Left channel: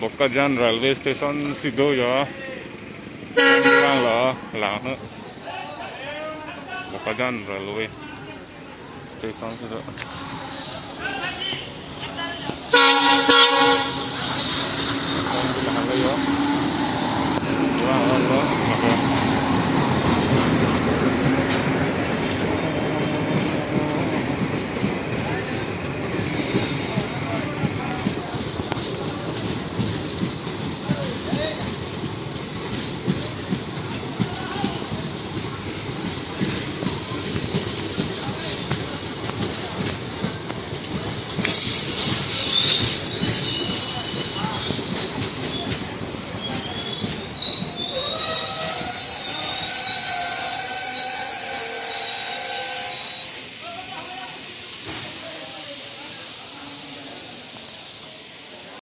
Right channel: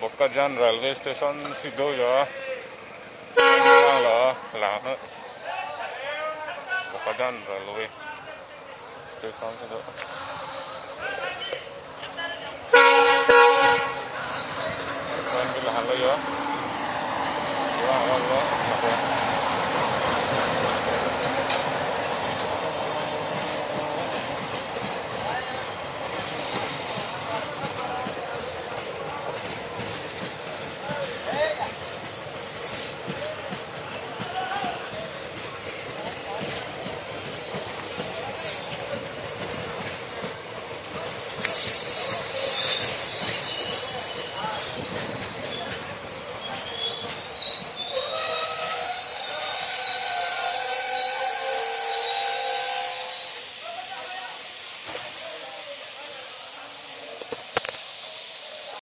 Bakajan railway station sido ya. Lang lo, lang nữa. Bakajan railway station sido. Lang lo ya. Lang lo,